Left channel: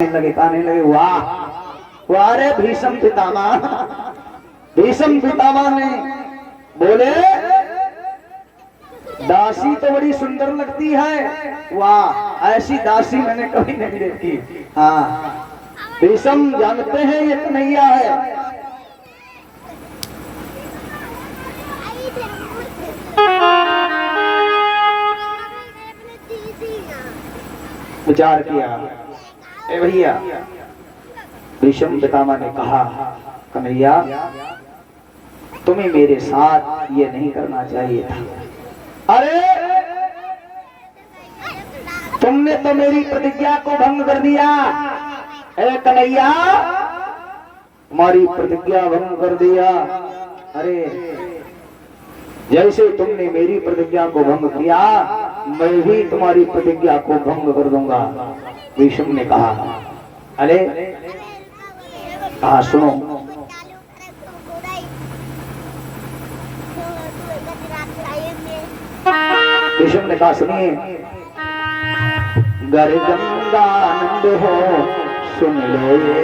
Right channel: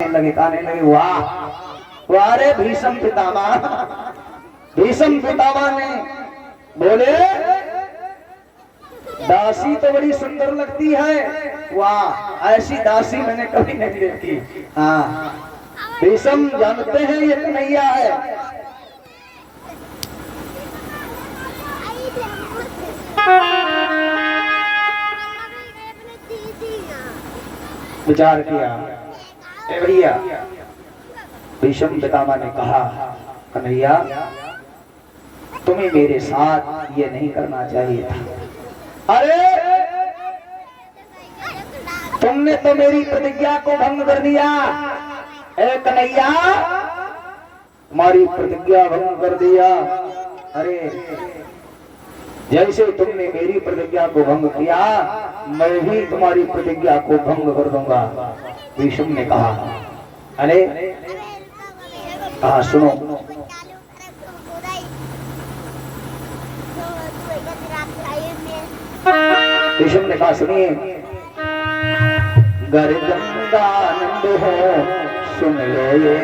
लगे कहने लगे वाह वाह रे भीष्म पितामह। भीष्म पितामह ने बोले दासी तो बड़ी सुंदर लगती है, वाह ऐसी दासी मैंने कभी नहीं देखी। हाँ भीष्म जानते हैं ये कन्हैया है। विचार किया ए भैया। भीष्म पितामह ने कहा कन्हैया तुम्हें मेरे साथ ये नहीं करना चाहिए था। अरे तुमने तो मेरी प्रतिज्ञा को भंग कर दिया। अरे कन्हैया तुम्हारी प्रतिज्ञा भंग कर दिया। अरे जैसे तुमने मेरी प्रतिज्ञा को भंग किया मैं भी तुम्हारी प्रतिज्ञा को भंग कर दूंगा। भीष्म ने कहा अरे कहा सुनो। भीष्म ने कहा सुनिए गर गंगानंद हो सुन लो ये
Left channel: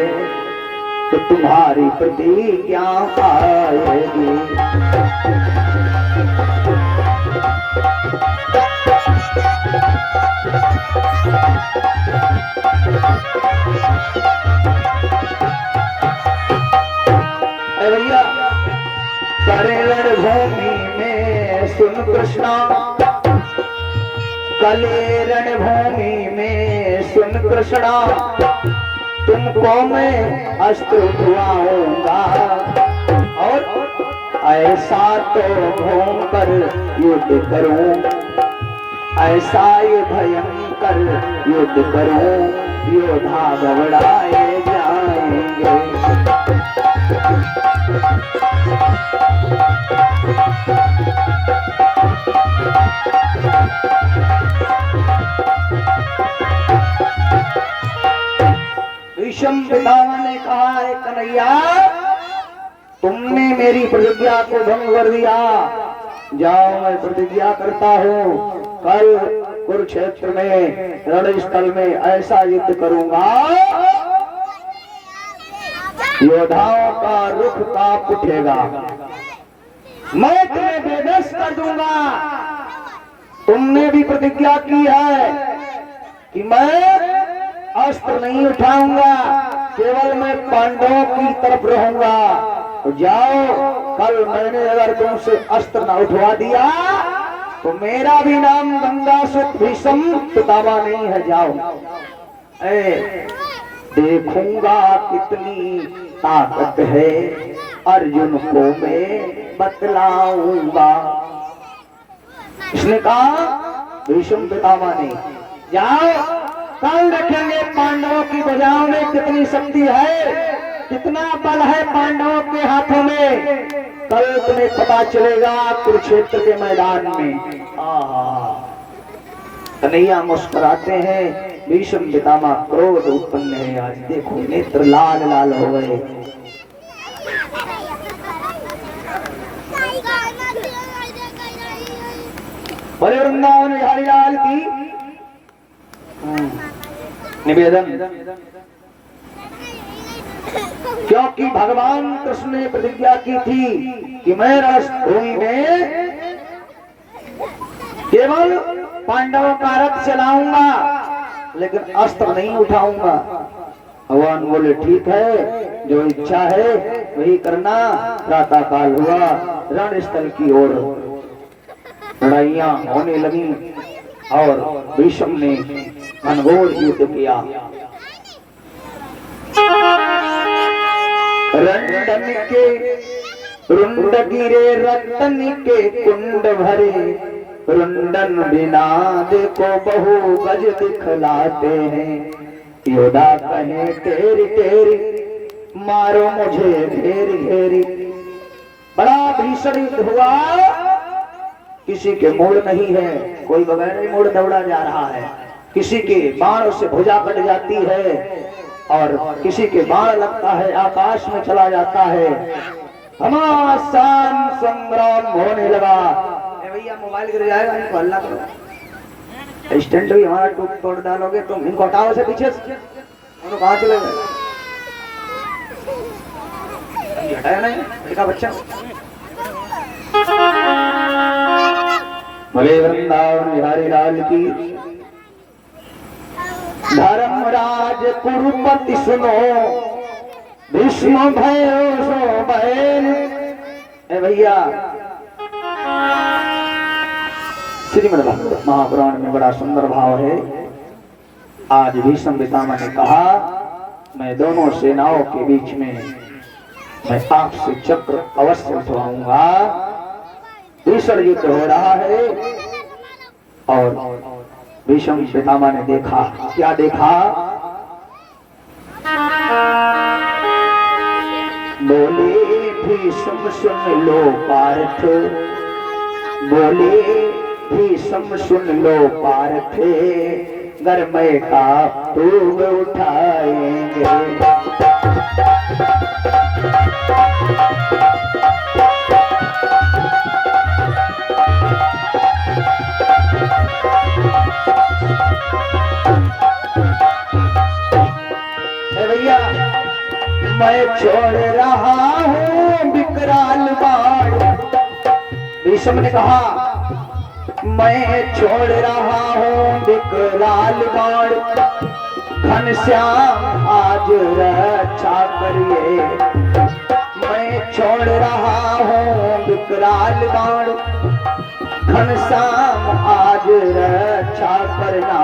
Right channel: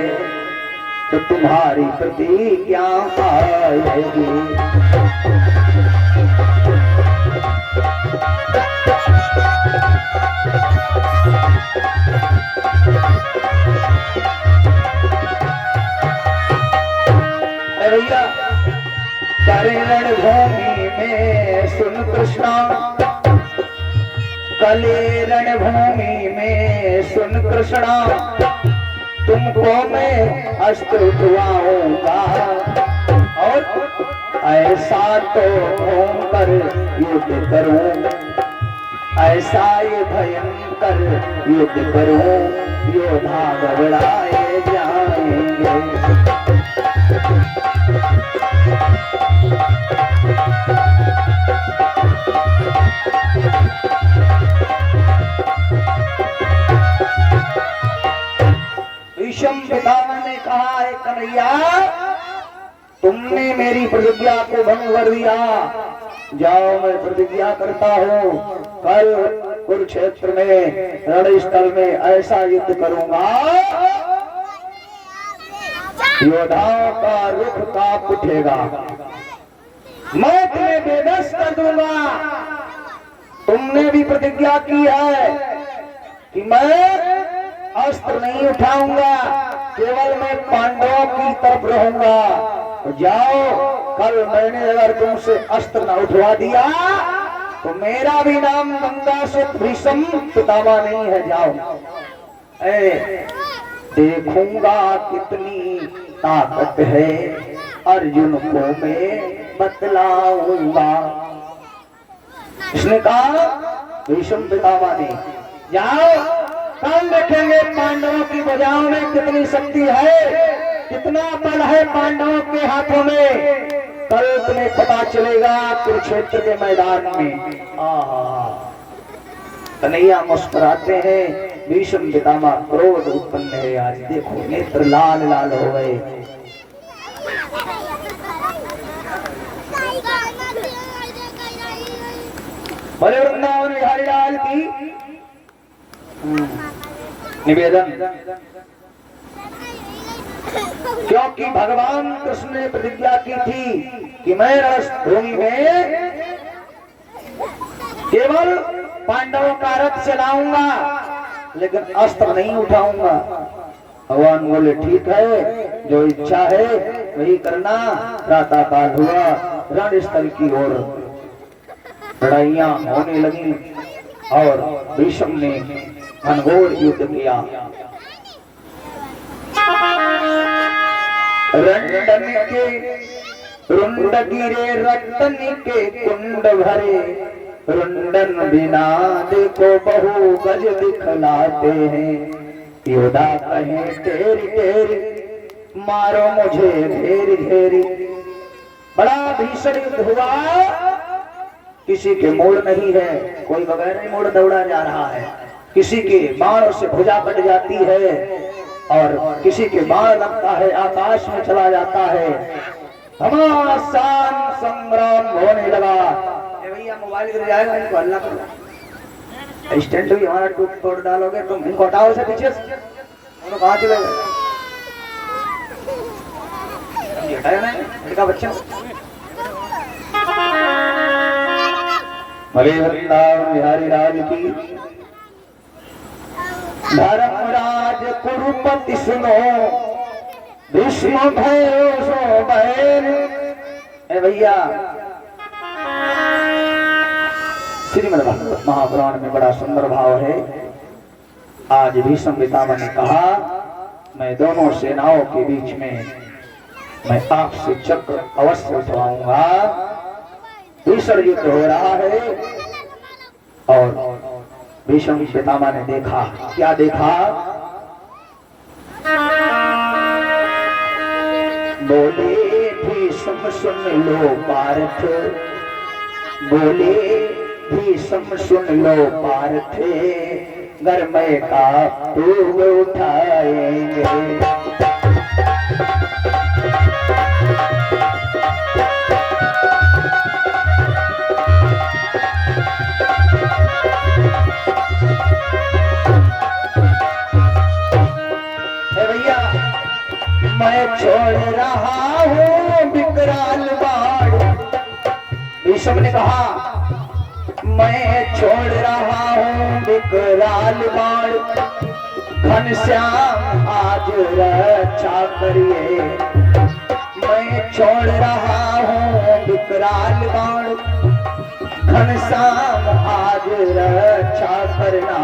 तो तुम्हारी प्रतिज्ञा आएगी। भैया करे रणभूमि में सुन कृष्णा, कले रणभूमि में सुन कृष्णा तुमको मैं अस्त्र उठवाऊंगा और ऐसा तो घूम कर युद्ध करूं, ऐसा ये भयंकर युद्ध करूं योद्धा घबराए जाएंगे। भीष्म पितामह ने कहा है कन्हैया तुमने मेरी प्रतिज्ञा को भंग कर दिया। जाओ मैं प्रतिज्ञा करता हूँ कल कुरुक्षेत्र में रणस्थल में ऐसा युद्ध करूंगा योद्धाओं का रुख कांप उठेगा, मैं तुम्हें बेबस कर दूंगा। तुमने भी प्रतिज्ञा की है कि मैं अस्त्र नहीं उठाऊंगा, केवल मैं पांडवों की तरफ रहूंगा। तो जाओ कल मैंने अगर तुमसे अस्त्र न उठवा दिया तो मेरा भी नाम गंगासुत भीष्म पितामह नहीं है। जाओ देखूंगा कितनी ताकत है अर्जुन को मैं बतलाऊंगा। इसने कहा भीष्म पितामह ने जाओ कल देखेंगे पांडवों की भुजाओं में कितनी शक्ति है, कितना बल है पांडवों के हाथों में। कल तुम्हें पता चलेगा कुरुक्षेत्र के मैदान में। कन्हैया मुस्कुराते हैं। भीष्म पितामह क्रोध उत्पन्न है। आज देखो नेत्र लाल लाल हो गए। बोले वृंदावन बिहारी लाल की निवेदन। क्योंकि भगवान कृष्ण ने प्रतिज्ञा की थी कि मैं रणभूमि में केवल पांडवों का रथ चलाऊंगा लेकिन अस्त्र नहीं उठाऊंगा। भगवान बोले ठीक है जो इच्छा है वही करना। प्रातः काल हुआ रणस्थल की ओर लड़ाइयां होने लगी और भीष्म ने घनघोर युद्ध किया। रंडन के रुंड गिरे रतन के कुंड भरे, रुंडन बिना देखो बहु गज दिखलाते हैं। योद्धा कहे तेरी तेरी मारो मुझे घेरी घेरी। बड़ा भीषण युद्ध हुआ, किसी के मोड़ नहीं है, कोई बगैर मोड़ दौड़ा जा रहा है। किसी के बाण से भुजा कट जाती है और किसी के बाण लगता है आकाश में चला जाता है। घमासान संग्राम होने लगा। भैया मोबाइल गिर जाएगा, इनको हल्ला करो। स्टैंड भी हमारा टूट तोड़ डालोगे तुम। इनको हटाओ से पीछे। उन्होंने कहाँ चले गए? हटाया ना लड़का बच्चा। भले वृंदावन बिहारी राज की। धर्मराज कुरुपति सुनो, भीष्म भयो सो बैन। ए भैया, श्रीमद् महापुराण में बड़ा सुंदर भाव है। आज भीष्म पितामह ने कहा, मैं दोनों सेनाओं के बीच में मैं आपसे चक्र अवश्य उठवाऊंगा। दूसरा युद्ध हो रहा है और भीष्म पितामह ने देखा, क्या देखा? बोले भीष्म सुन लो पार्थ, बोले भीष्म सुन लो पार्थ, घर में का तूब उठाएंगे। भैया, मैं छोड़ रहा हूँ विकराल बाण। भीष्म ने कहा, मैं छोड़ रहा हूँ विकराल बाण, घनश्याम आज रक्षा करिए। मैं छोड़ रहा हूँ विकराल बाण, घनश्याम आज रक्षा करना।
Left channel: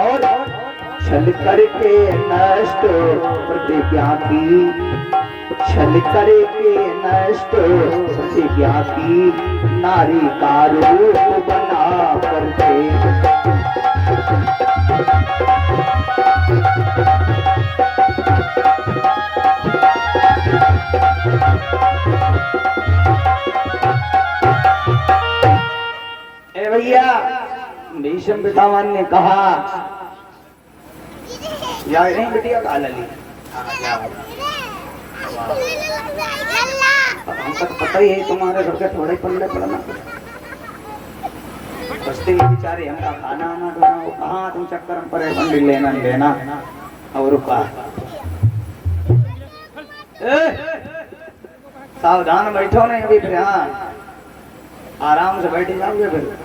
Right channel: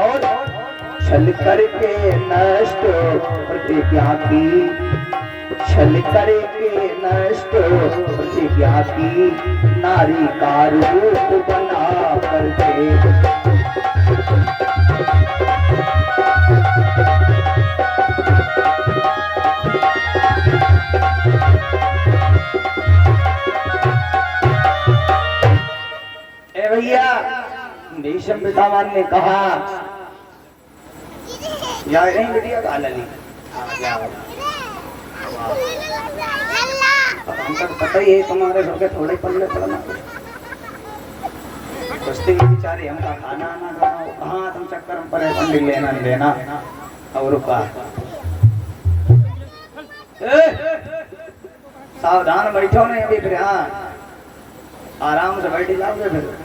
और छल करके नष्ट प्रतिज्ञा की, छल करके नष्ट प्रतिज्ञा की, नारी का रूप बना करके। ए भैया, भीष्म पितामह ने कहा, यार नहीं बिटिया का लली हमको तो पता ही है तुम्हारे घर के थोड़े पल्ले पड़ना। बस्ती के बेचारे हमका खाना आना करना, कहाँ तुम चक्कर हम परेशान लेना लेना। अब रुका, सावधान बैठो नहीं अभी, फिर हाँ आराम से बैठ जाओगे फिर।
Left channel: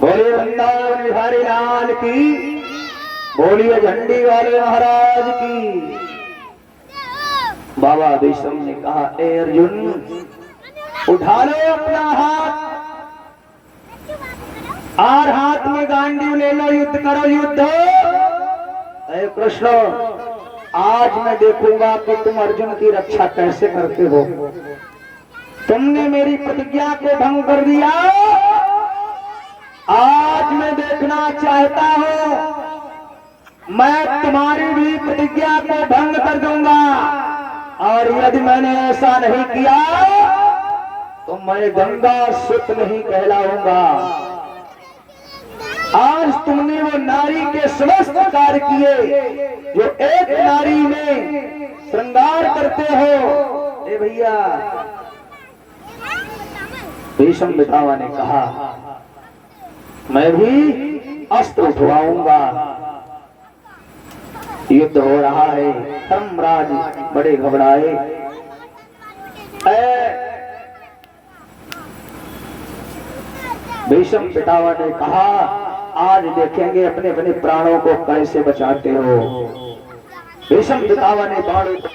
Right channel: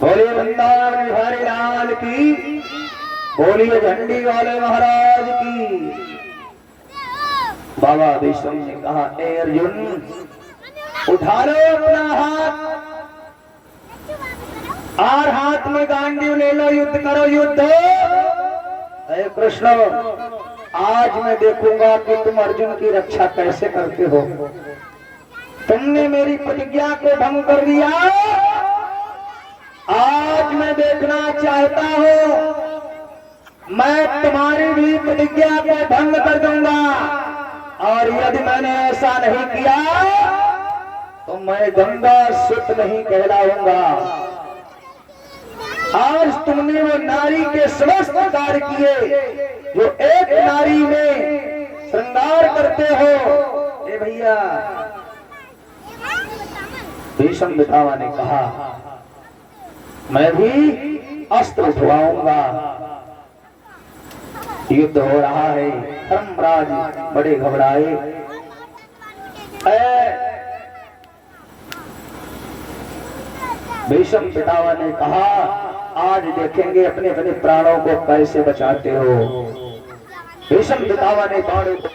बोलिए वृंदावन बिहारी लाल की, बोलिए झंडी वाले महाराज की। बाबा भीष्म ने कहा, ए अर्जुन, उठा लो अपना हाथ और हाथ में गांडीव ले लो, युद्ध करो युद्ध। ए कृष्ण, आज मैं देखूंगा कि तुम अर्जुन की रक्षा कैसे करते हो। तुमने मेरी प्रतिज्ञा को भंग कर दिया, आज मैं देखना चाहता हूं, मैं तुम्हारी भी प्रतिज्ञा को भंग कर दूंगा। और यदि मैंने ऐसा नहीं किया तो मैं गंगा सुत नहीं कहलाऊंगा। आज तुमने वो नारी के समस्त कार्य किए जो एक नारी में श्रृंगार करते हो। ए भैया, भीष्म पितामह ने कहा, मैं भी अस्त्र उठवाऊंगा। युद्ध हो रहा है, धर्मराज बड़े घबराए। भीष्म पितामह ने कहा, आज देखेंगे अपने अपने प्राणों को कैसे बचाते हो। भीष्म पितामह ने बाणों को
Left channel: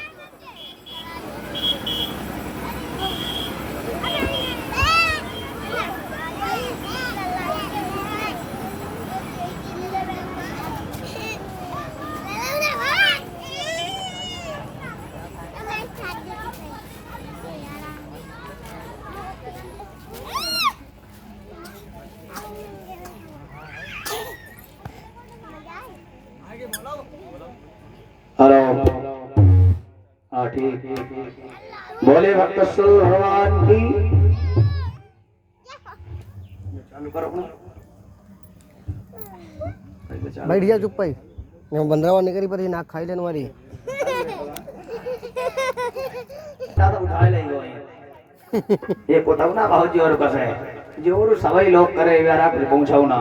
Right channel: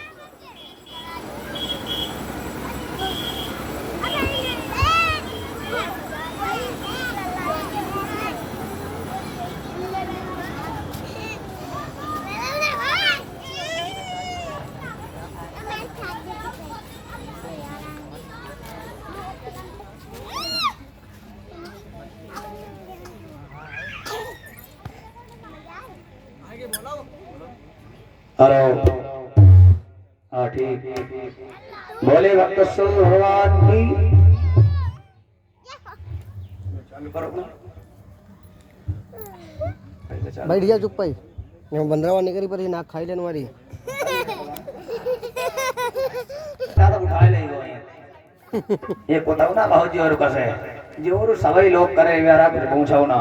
हेलो, हाँ ठीक। बोले भक्त भगवान की। बैठ जा चुप पाई, बंदरावा नहीं करी पर नाक खाई लेने वाली। ये बताओ ना भाजी और कसे जोर सवाई लोग करे व्यारा फिर पहुंचाओ ना।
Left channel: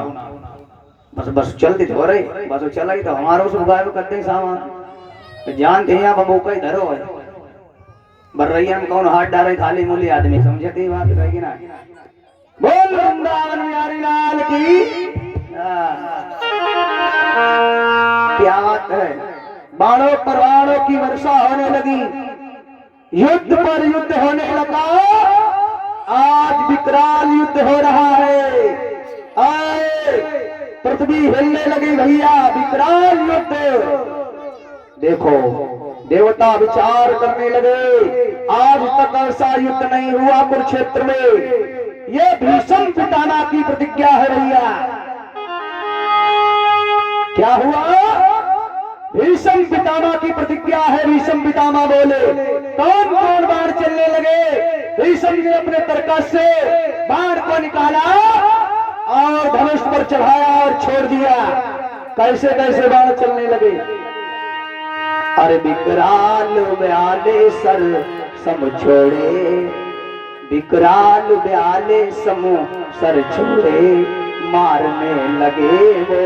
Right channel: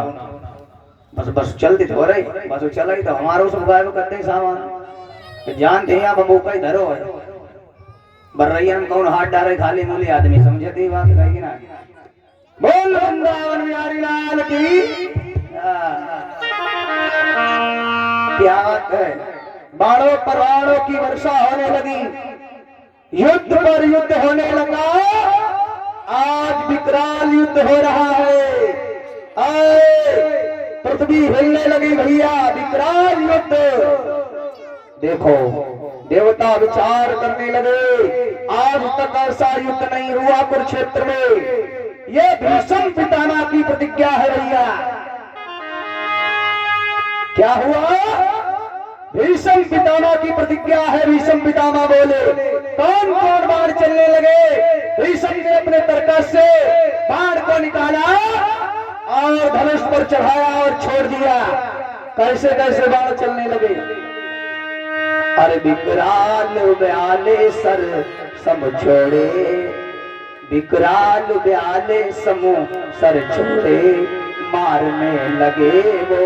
बस बस चलती हो रही बस वो चला ही तो हमारो सब गायब करते सामान जान थे यहाँ बबू का ही धरो है बर्रैया में कौन हाथ डाले थाली मूली आदमी समझते ही बात है कि ना बोल वृंदावन बिहारी लाल की क्या बात है। बाणों परवाणों की वर्षा होने लगी, युद्ध पर युद्ध होने लगा, आज विकराल युद्ध हो रहा है। आए पृथ्वी हिलने लगी भैया, विकराल युद्ध। देखो देवता विचार करने लगे, आज तक ऐसा युद्ध नहीं हुआ कुरुक्षेत्र में। यह भीष्म पितामह की प्रतिज्ञा है भैया। क्या हुआ? भीष्म पितामह की प्रतिज्ञा है। भीष्म पितामह बोले, कौन कौन बाण चलने लगे। भीष्म ने अपने तरकस से बाण को निकाला और धनुष पर चढ़ाया और छोड़ दिया। कैसे कैसे बाण चलने लगे। अरे विकराल ब्याले सर सम छोड़े, विकराल ब्याले समूह सर छोड़े, मारने लगे वो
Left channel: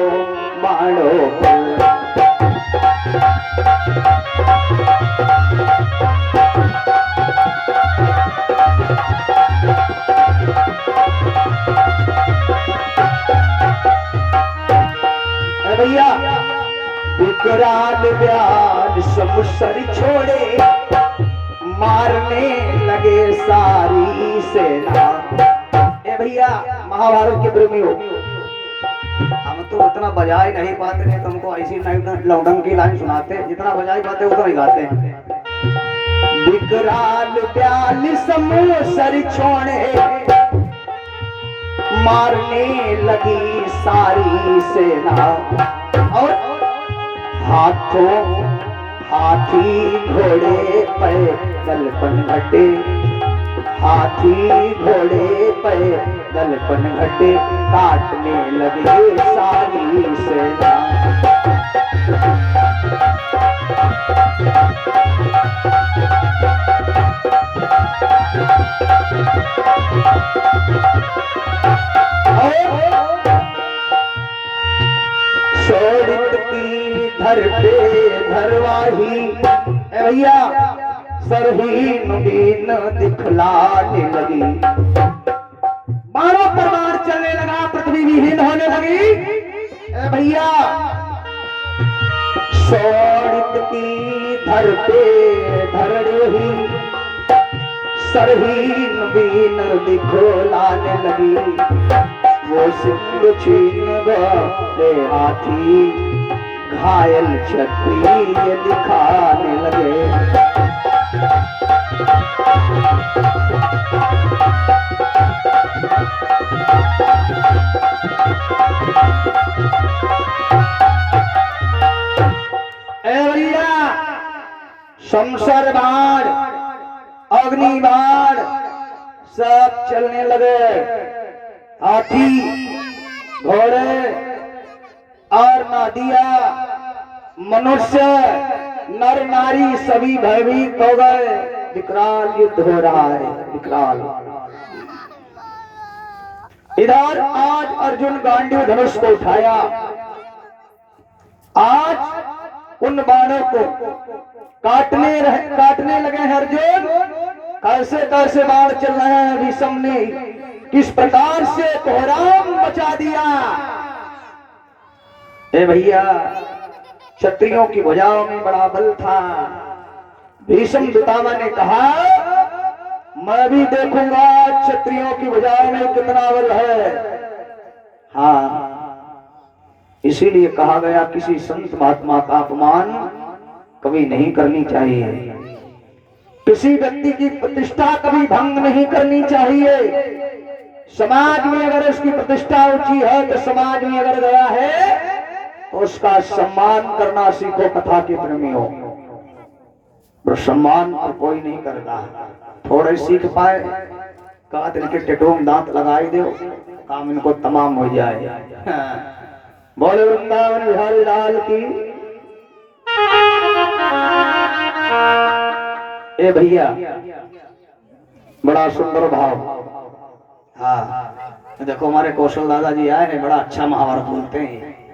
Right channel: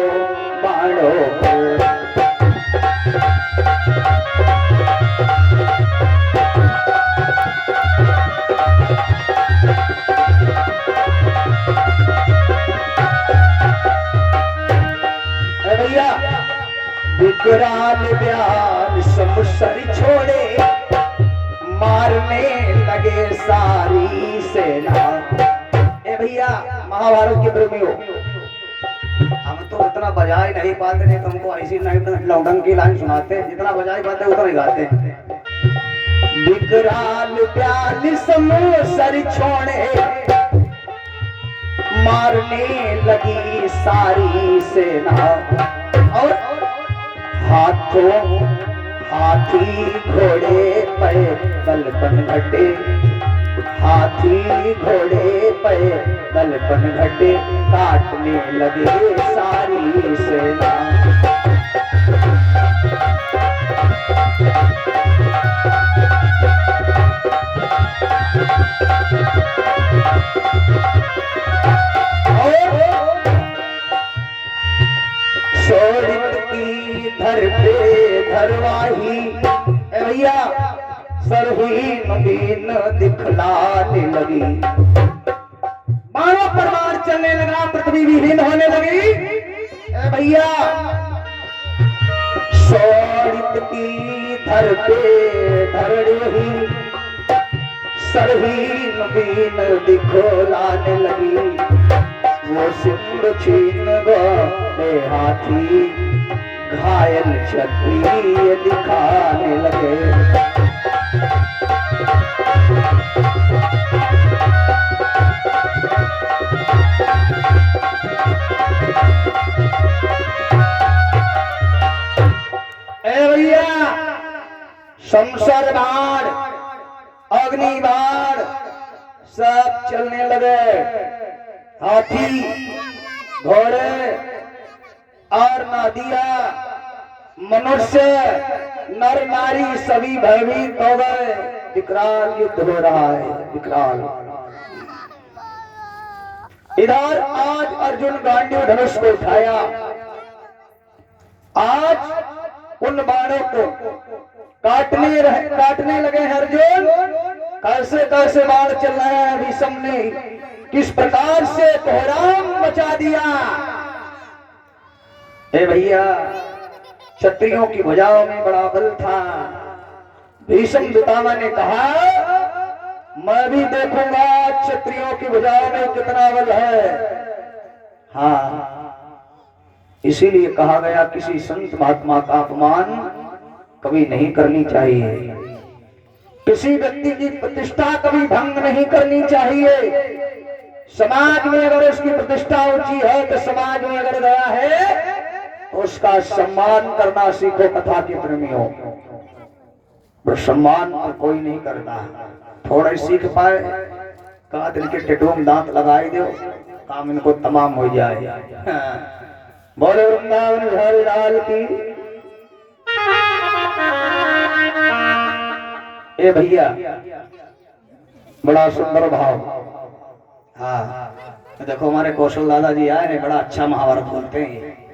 बाणों को। भैया विकराल ब्याल समुसर छोड़े, मारने लगे सारी सेना। ए भैया महाभारत के प्रेमी हो, हम तो उतना बजा ही नहीं पाते हैं, तुमको ऐसी नहीं लौडंग की लाइन सुनाते, जितना बजा ही पाते उतना ही गाते हैं। विकराल ब्याल समुसर छोड़े, मारने लगी सारी सेना। और हाथों हाथी घोड़े पैदल पनघटे, हाथी घोड़े पैदल पनघटे, काटने लगे सारी सेना। शोणित की धर पे धरवाही, भैया सरहीन दीन दिखलाने लगी। बाणों पर बाण चलने लगा, पृथ्वी विहीन होने लगी। भैया शोणित की धर पे धर रही, सरहीन दीन दिखलाने लगी। वो सिंधु छीन गए हाथी, घायल क्षत्रिय दिखाने लगे। ए भैया शमशर बाण अग्नि बाण सब चलने लगे। हाथी घोड़े और नदिया मनुष्य नर नारी सभी भयभीत हो गए। विकराल युद्ध हो रहा है, विकराल। इधर आज अर्जुन गांडीव धनुष को उठाया। आज उन बाणों को काटने लगे हैं अर्जुन। कैसे कैसे बाण चल रहे हैं। भीष्म ने किस प्रकार से कोहराम मचा दिया। ए भैया क्षत्रियों की भुजाओं में बड़ा बल था। भीष्म पितामह ने कहा, मैं भी देखूंगा क्षत्रियों की भुजाओं में कितना बल है। हाँ, इसीलिए कहा गया किसी संत महात्मा का अपमान कभी नहीं करनी चाहिए, किसी व्यक्ति की प्रतिष्ठा कभी भंग नहीं करनी चाहिए। समाज में अगर उसकी प्रतिष्ठा ऊंची है तो समाज में अगर गया है तो उसका सम्मान करना सीखो। कथा के प्रेमियों, सम्मान तो कोई नहीं करता। थोड़ा सीख पाए कहा दिल के टेटों में दांत लगाए दो, काम इनको तमाम हो जाए। बोले वृंदावन बिहारी लाल की। ए भैया बड़ा सुंदर भाव। हाँ देखो हमारे कौशल दादाजी आए ने, बड़ा अच्छा महाभारत बोलते हैं।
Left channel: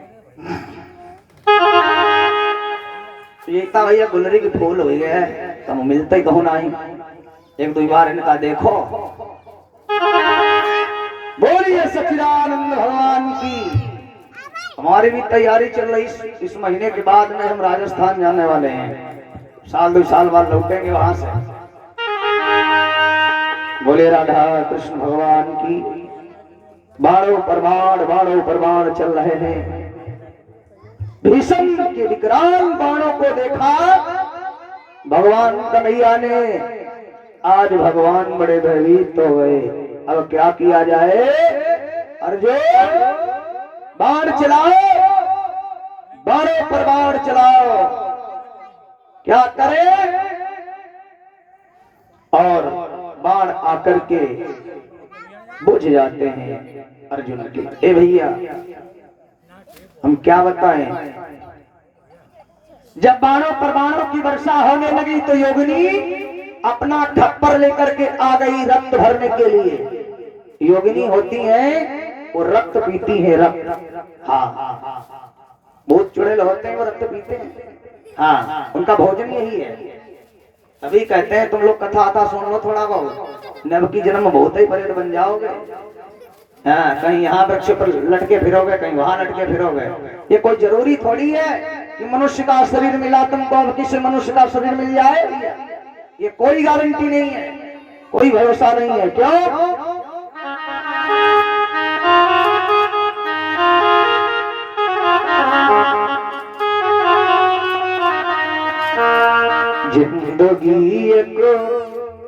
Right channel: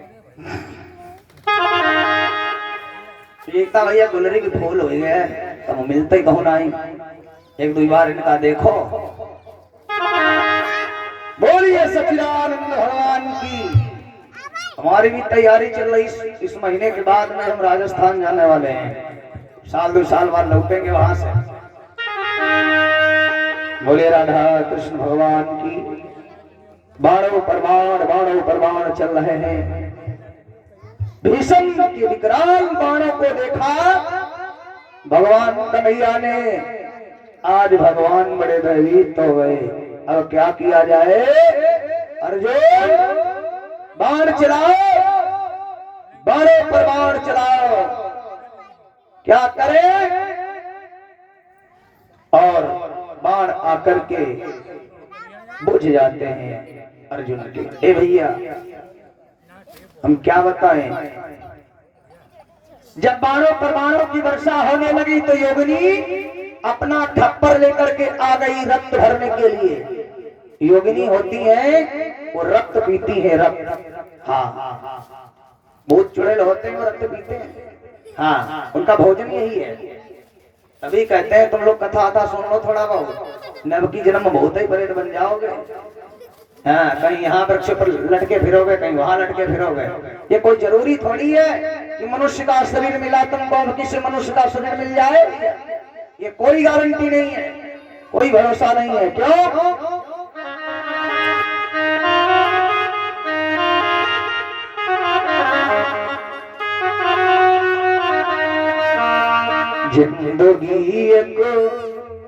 एकता भैया गुलरी की फूल हो गए तो मिलते ही कहूँ नहीं, एक दो बार इनका देखो। बोलिए सच्चिदानंद भगवान की। हमारी भी तैयारी चल रही, इस महीने के बाद में हम राजस्थान जाने वाले हैं, साल 2 साल बाद लौटेंगे वहां से। बोले राधा कृष्ण भगवान की। बाणों पर बाण चल रहे हैं। भीष्म के विकराल बाणों को देखा भगवान कन्हैया ने। आज भगवान बड़े भयभीत हो गए। अब क्या किया जाए? अर्जुन बाण चलाओ, बाणों पर बाण चलाओ, क्या करें? और बाण आकर के बुझ जाते हैं अर्जुन के। ए भैया हम क्या बताएं? जब बाणों पर बाणों की वर्षा होने लगी तो योगिनी अपना ठप्पर लेकर के आ गई रक्त भरने के लिए। योगिनी होती है वो रक्त पीती है, रक्त। हाँ, बहुत चुड़ैल होते हैं वो रक्त पीते हैं। हाँ, उनका भोजन यही है। तभी कहते हैं तुम लोग कथा आता सुन लो थोड़ा बहुत, नव की जन्म बहुत ही परेड बन जाओगे। हाँ, कहीं यहाँ वृक्ष पर लटके फिरोगे, कहीं वहां लटके फिरोगे। ये कोई जरूरी थोड़ी है कि मनुष्य का शरीर मिला तुमको अब किसी मनुष्य का शरीर मिल जाए। ये कोई गारंटी नहीं है, कोई भरोसा नहीं है। क्यों? जिंदगी एक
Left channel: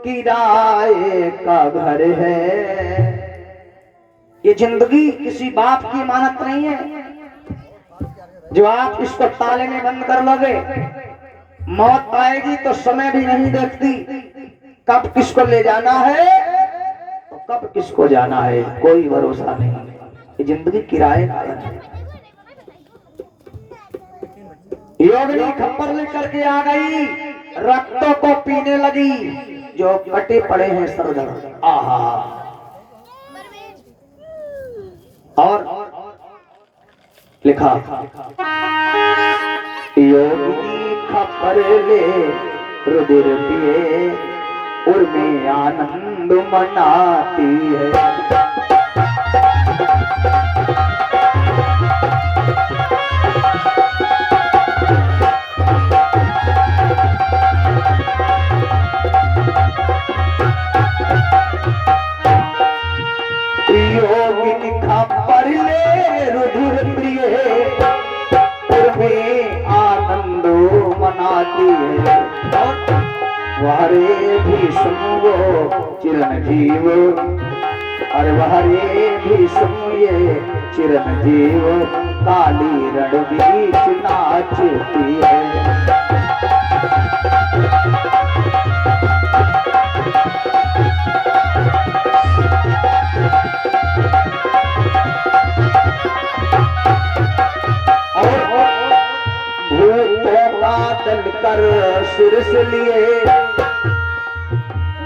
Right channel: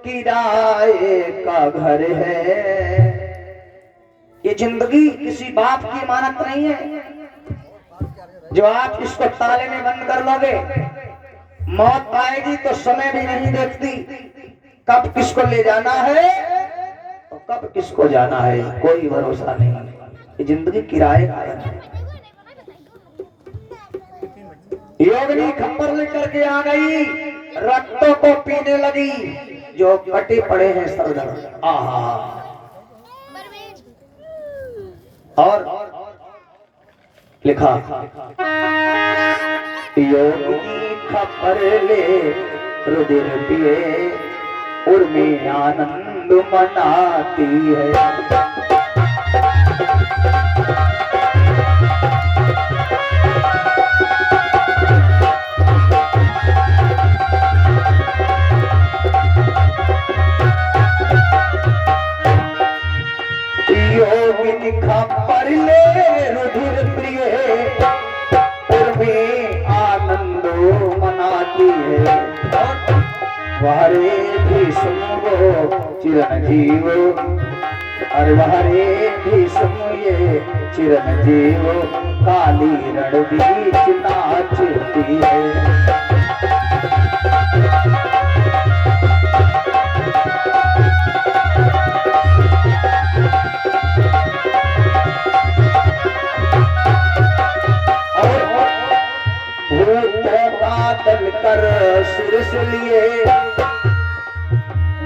किराए का घर है। ये जिंदगी किसी बाप की अमानत नहीं है जो आप इसको ताले में बंद कर लोगे। मौत आएगी तो समय भी नहीं देखती, कब किसको ले जाना है तो कब किसको जाना है, कोई भरोसा नहीं। ये जिंदगी किराए का है। योगिनी खप्पर लेकर के आ गई, रक्तों को पीने लगी जो कटे पड़े हैं सरदर। आहा। और लिखा योगिनी खप्पर ले रुधिर पिए उर्मी आनंद मनाती है। योगिनी खप्पर ले रुधिर प्रिय उर्मी आनंद मनाती है। वहरे भीष्म वो चिरंजीव, और वहरे भीष्म ये चिरंजीव काली रण बीच नाचती है। कर सिर से लिए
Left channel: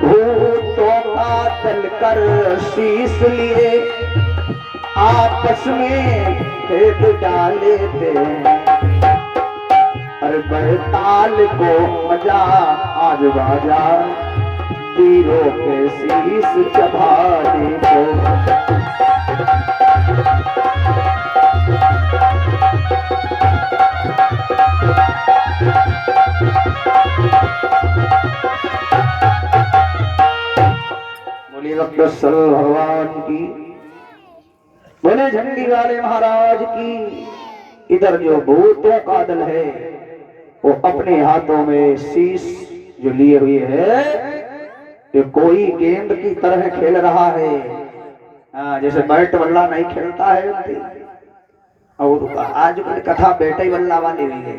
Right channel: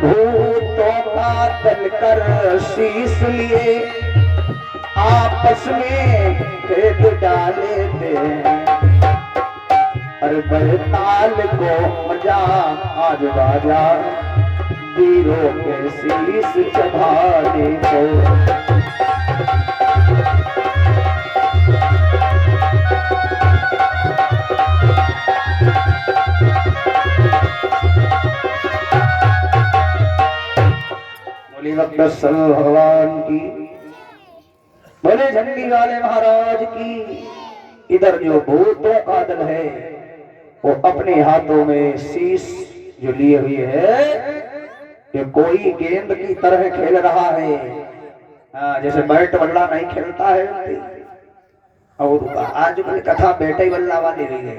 भूतों का तल कर शीश लिए आपस में खेद डाले थे। हर बहताल को मजा आज बाजा वीरों के शीश चढ़ाने को। वक्रसल भगवान की। बोले झंडी वाले महाराज की। इधर जो भूतों का दल है वो अपने हाथों में शीश जो लिए हुए है, ये कोई गेंद की तरह खेल रहा है। हाँ, जैसे बैट बल्ला नहीं खेलता है। और आज कल कथा बेटे बल्ला वाली हुई है।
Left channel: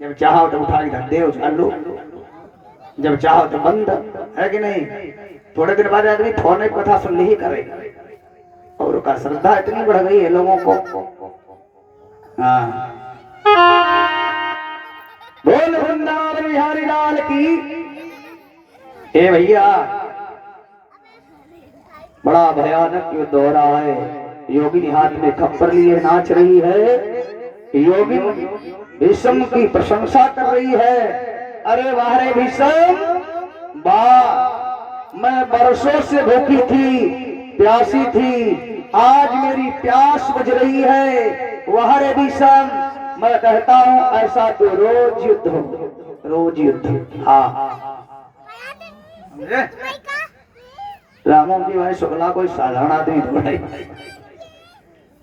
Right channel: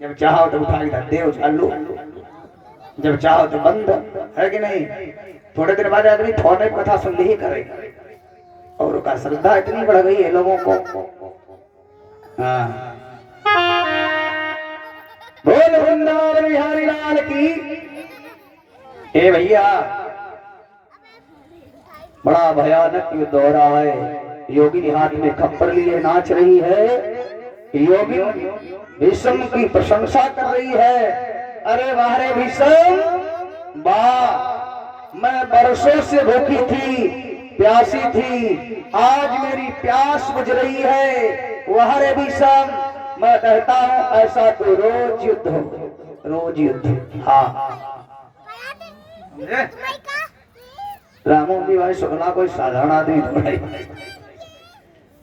जब चाहो तो उठा इधर दे उछाल लो, जब चाहो तो बंद, है कि नहीं? थोड़े दिन बाद आदमी फोन में कथा सुन ही करेगा। और उसका श्रद्धा इतनी बढ़ गई है लोगों को। हाँ, बोल वृंदावन बिहारी लाल की। ए भैया, बड़ा भयानक युद्ध हो रहा है। योगिनी हाथ में खप्पर लिए नाच रही है योगी भीष्म की प्रशंसा कर रही है। अरे वाह रे भीष्म वाह, मैं बरसों से भूखी थी, प्यासी थी, आज मेरी प्यास बुझ रही है। वाह रे भीष्म, मैं कहता हूं ऐसा तो रोज युद्ध हो, रोज युद्ध। हाँ रामों की भाई शुक्ला कोई साधारण आदमी थोड़ा ही।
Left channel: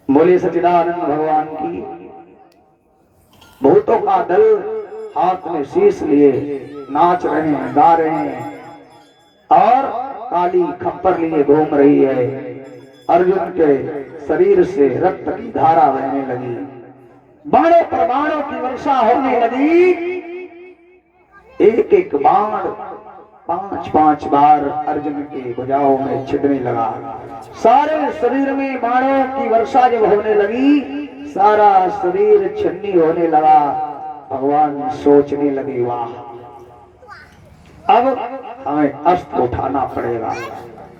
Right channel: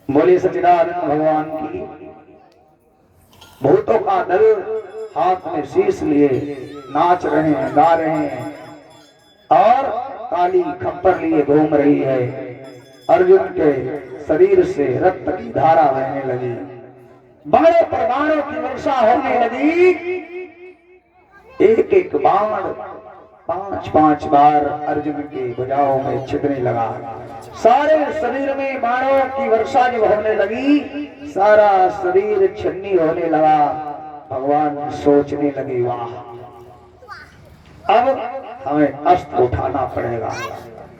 बोलिए सच्चिदानंद भगवान की। भूतों का दल हाथ में शीश लिए नाच रहे हैं, गा रहे हैं, और काली खप्पर लिए घूम रही है। अर्जुन के शरीर से रक्त की धारा बहने लगी, बाणों पर बाणों की वर्षा होने लगी। एक एक बाण 5-5 बार अर्जुन की भुजाओं में छिदने लगा। सारे शरीर में बाणों की वर्षा जब होने लगी, सारा शरीर छन्नी होने लगा। भगवान सोचने लगे, वाह अब हमें अस्त्र उठाना पड़ेगा।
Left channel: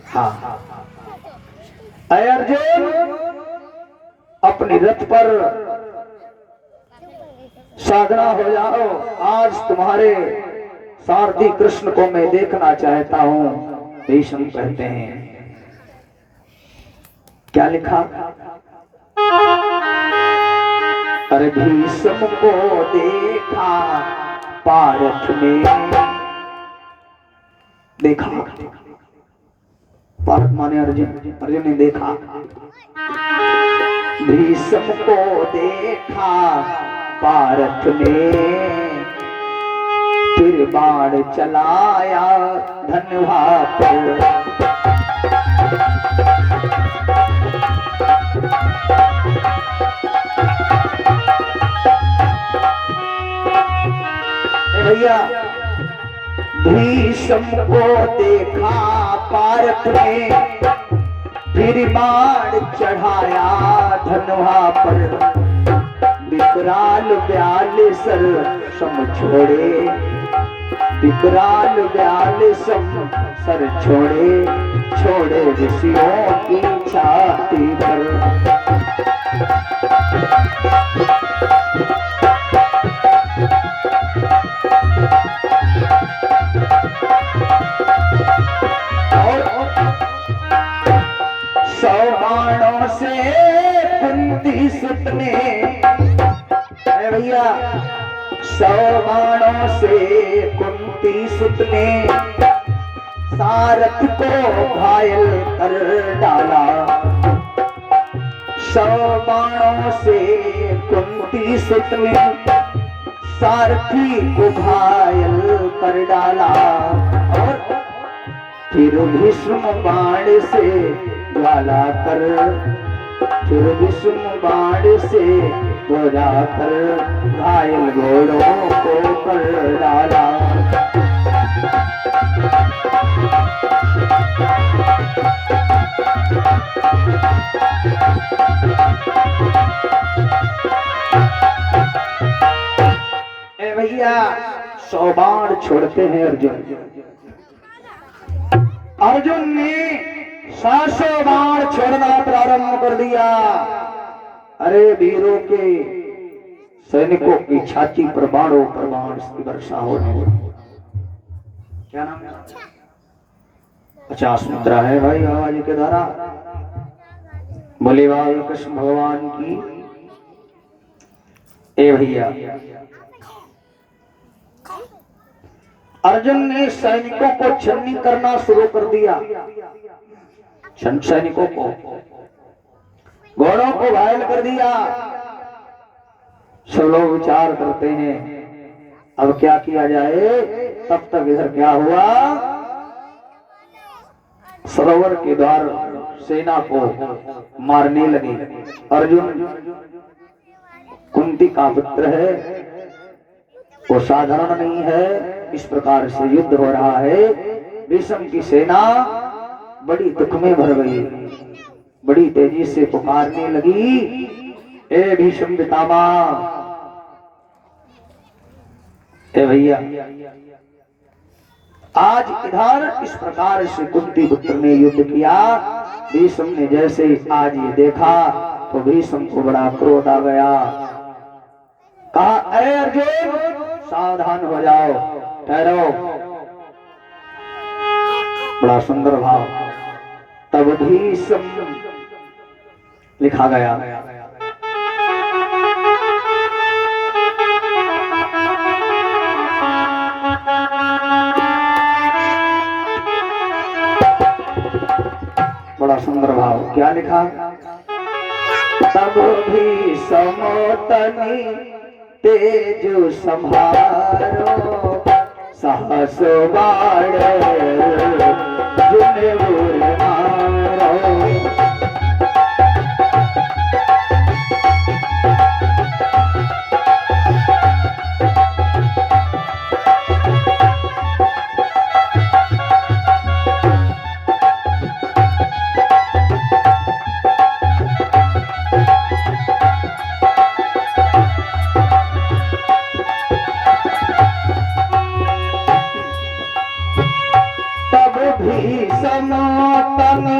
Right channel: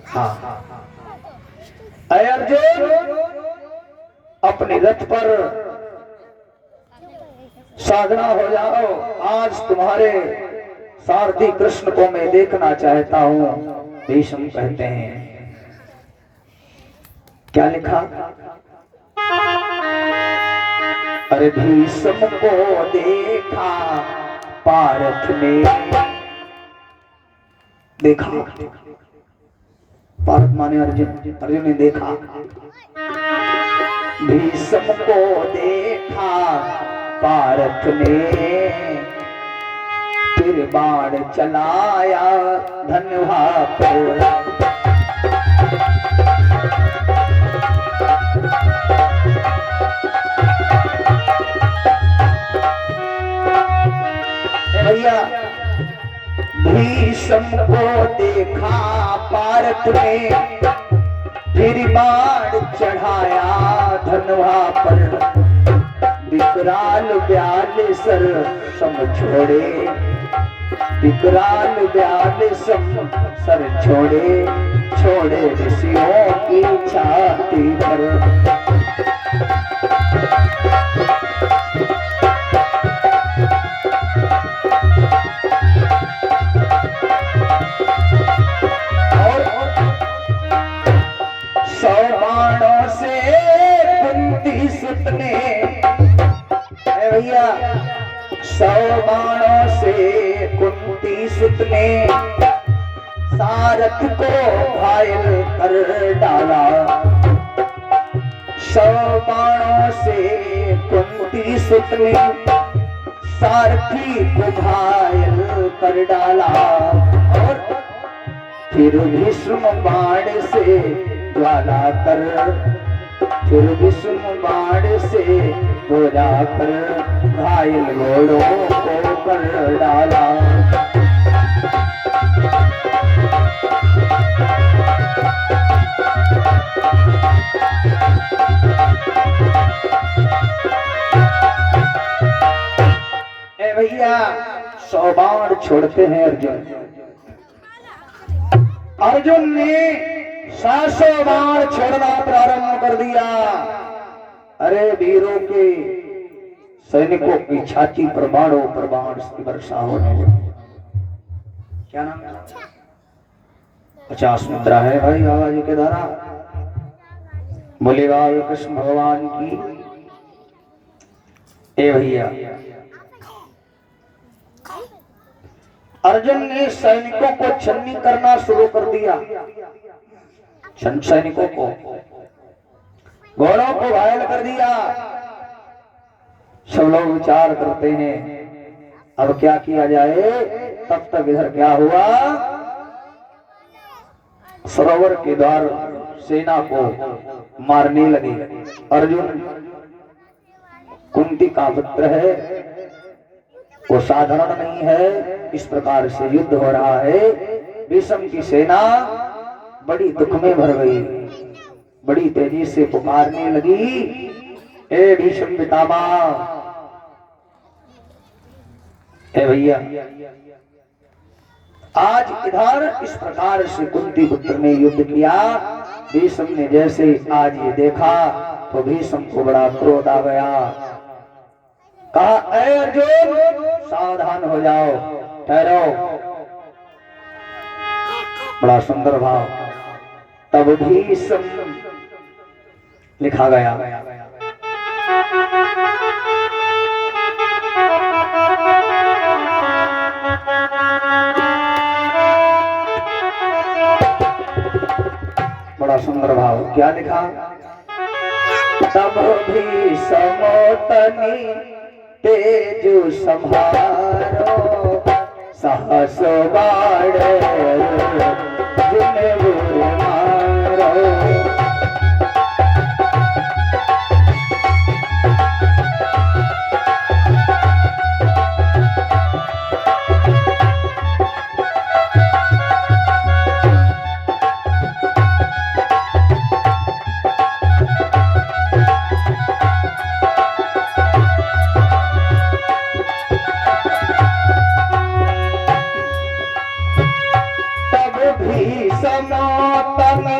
हाँ अय अर्जुन, अपने रथ पर साधना हो जाओ। आज तुम्हारे सारथी कृष्ण को मैं देखना चाहता हूं। भीष्म कहते हैं, क्या लिखा? अरे भीष्म को देखा पार्थ ने, देखा पार्थ माने अर्जुन, अर्जुन ने देखा। भीष्म को देखा पार्थ ने, फिर बाण चलाया धनुहा पर। भैया भीष्म को देखा पार्थ ने, फिर बाण चढ़ाया धनुहा पर। विकराल व्याल सर सम छोड़े, विकराल व्याल सम सर छोड़े, छोड़े ऋषियों की छाती पर। कुंती सुत ने, भैया 100 बाणों से कुंती सुत ने सारथ को घायल कर डाला। 100 बाणों से कुंती सुत ने सारथी को घायल कर डाला। और फिर भीष्म बाण से ज्वाला कर, फिर भीष्म बाण से बोरा कर घायल घोड़ों को कर डाला। ए भैया 100 बाण छोड़ते हैं अर्जुन। अर्जुन ने 700 बाण छोड़ना प्रारंभ कर दिया। अरे वीरों के सैनिकों की छाती पर बाणों पर बाण की वर्षा होने लगी। क्या नाम है? 50 मुद्रा है भाई आज के द्वारा। बोले बाल कृष्ण भगवान की। ए भैया अर्जुन ने सैनिकों को छन्नी करना शुरू कर दिया। सैनिकों को, घोड़ों को घायल कर दिया। सब लोग विचार करते हैं अब क्या किया जाए। तब तक इधर क्या हुआ, सरोवर के द्वार सेना को मारने लगे। अर्जुन कुंती का पुत्र है, वो साधारण नहीं है। इस प्रकार से युद्ध हो रहा है। भीष्म की सेना बड़ी दुख में भर गई, बड़ी तेजी से पुकारने लगी, ए भीष्म पितामह। ए भैया आज इधर इस प्रकार से कुंती पुत्र ने युद्ध किया। भीष्म ने जैसे आज ये देखा तो भीष्म को बड़ा क्रोध आ गया। कहा अरे अर्जुन सावधान हो जाओ, ठहरो। बड़ा सुंदर भाव। तब भीष्म लिखा गया। बड़ा सुंदर भाव, क्या लिखा? तब भी समोतनी तेजु संभारो, सहस बाण जुने बुर मारो। समोतनी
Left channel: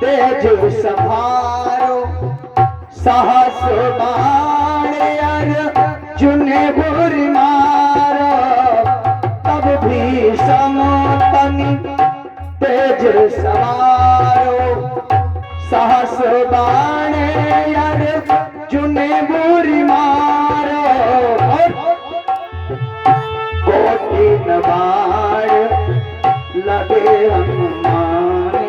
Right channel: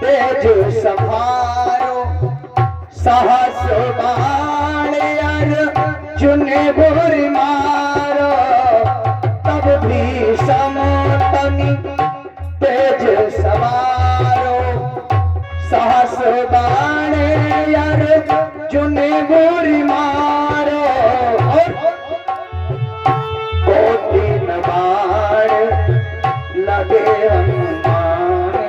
तेजु संभारो, सहस बाण अर्जुन बुर मारो। तब भी समोतनी तेजु संभारो, सहस बाण अर्जुन बुर मारो। कोटिन बाण लगे हनुमाने,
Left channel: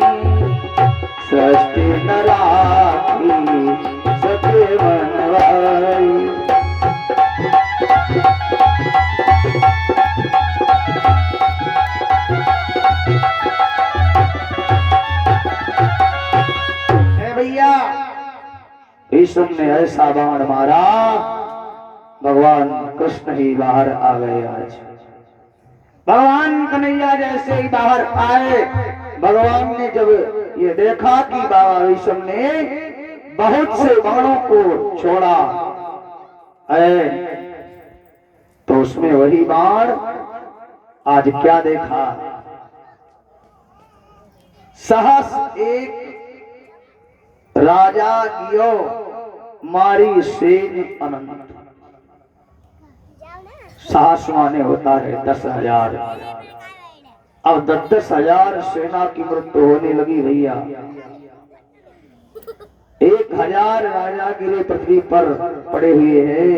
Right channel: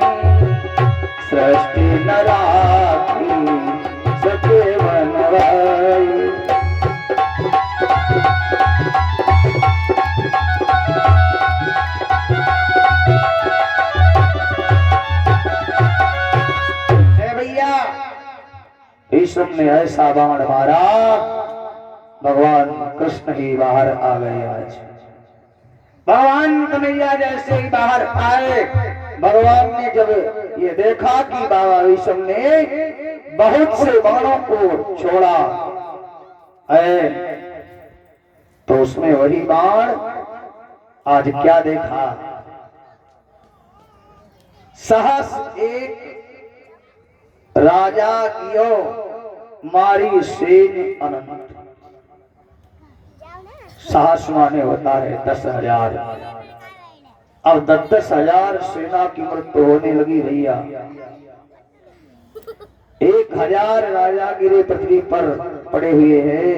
सृष्टि न राखी सके बनवाई। भैया भीष्म ने ऐसा बाण मारा, भगवान कृष्ण ही बाहर आ गए। आज भगवान कन्हैया जैसे ही बाहर आए, भगवान ने जब ये देखा कि बाबा भीष्म ने बहुत से बाणों को छोड़ा है, तो उसमें वही बाण आज क्या देखा? सहस एक राजा कियो मारी सेन अनंत। साहस माने होता है 10,000। अब 10,000 सेना की मृत्यु होने लगी भैया। 1,000 राजा गिरे पृथ्वी पर पड़े हुए हैं।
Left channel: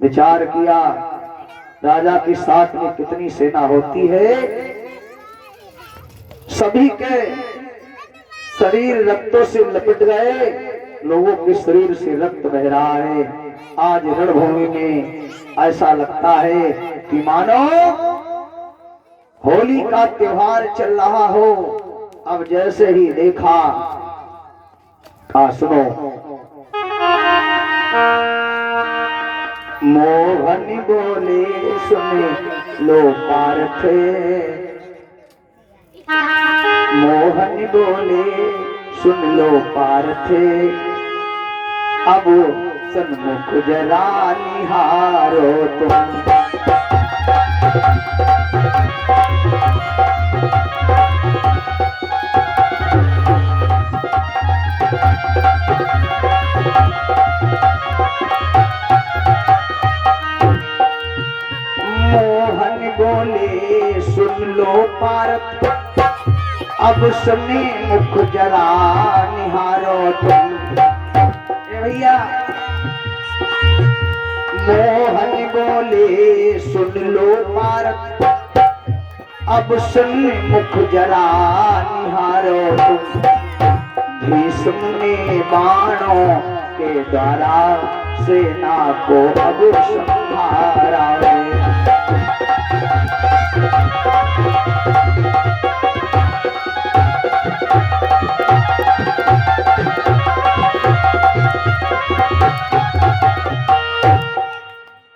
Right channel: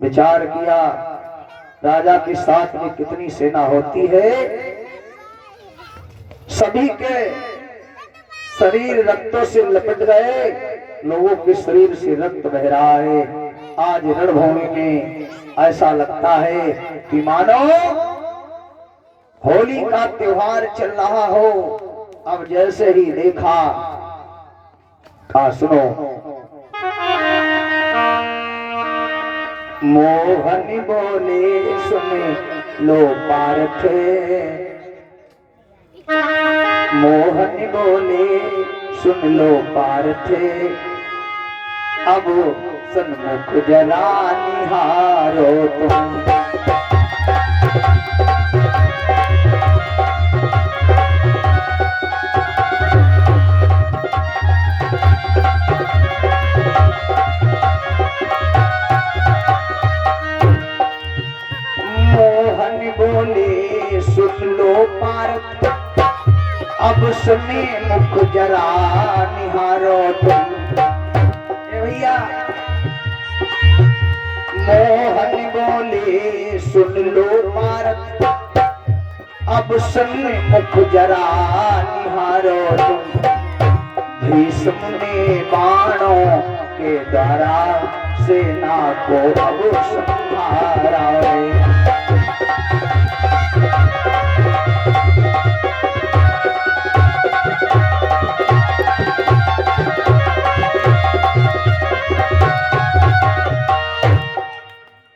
विचार किया राजा के साथ में कितनी सेना होती है। सभी के शरीर रक्तों से लपट गए, लोगों के शरीर से रक्त बह रहा है। आज रणभूमि में ऐसा लगता है कि मानो होली का त्योहार चल रहा हो। अब जैसे ही देखा, सुनो, मोहन बोले सुने लो पार्थ, मोहन बोले सुन लो पार्थ, अब सन्मुख जरा निहारो तुम। मोहन बोले सुन लो पार्थ, अब सुने मुख जरा निहारो तुम। भैया मोहन बोले सुन लो पार्थ, अब सुन मुख जरा निहारो तुम। भीष्म ने बाणों के द्वारा सेना को अब संहारा है।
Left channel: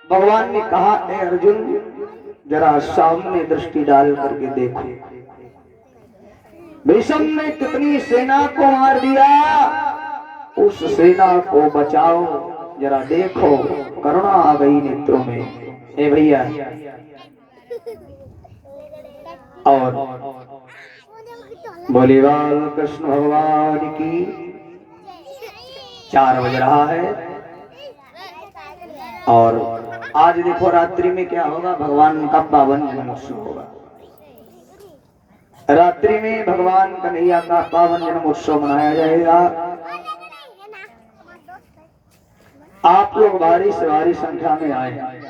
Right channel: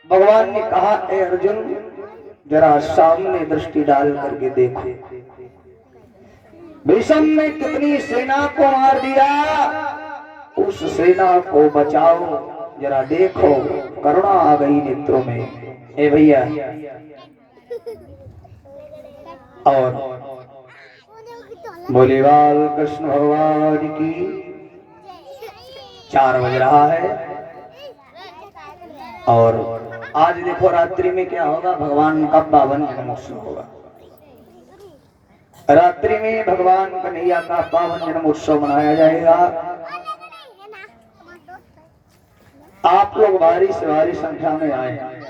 भगवान ने कहा, ए अर्जुन जरा सामने दृष्टि डाल करके देखो, भीष्म ने कितनी सेना को मार दिया। उस सेना को बचाओ, जरा देखो, करुणा आ गई नेत्रों में। ए भैया, और बोले बाल कृष्ण भगवान की। 4 बज रहा है। और आज देखो रात्रि में क्या होगा, भगवान का पावन जन्मोत्सव होगा। रात्रि में भगवान कन्हैया का पावन जन्मोत्सव मनाया जाएगा। आप लोग भारी से भारी संख्या में आए हैं।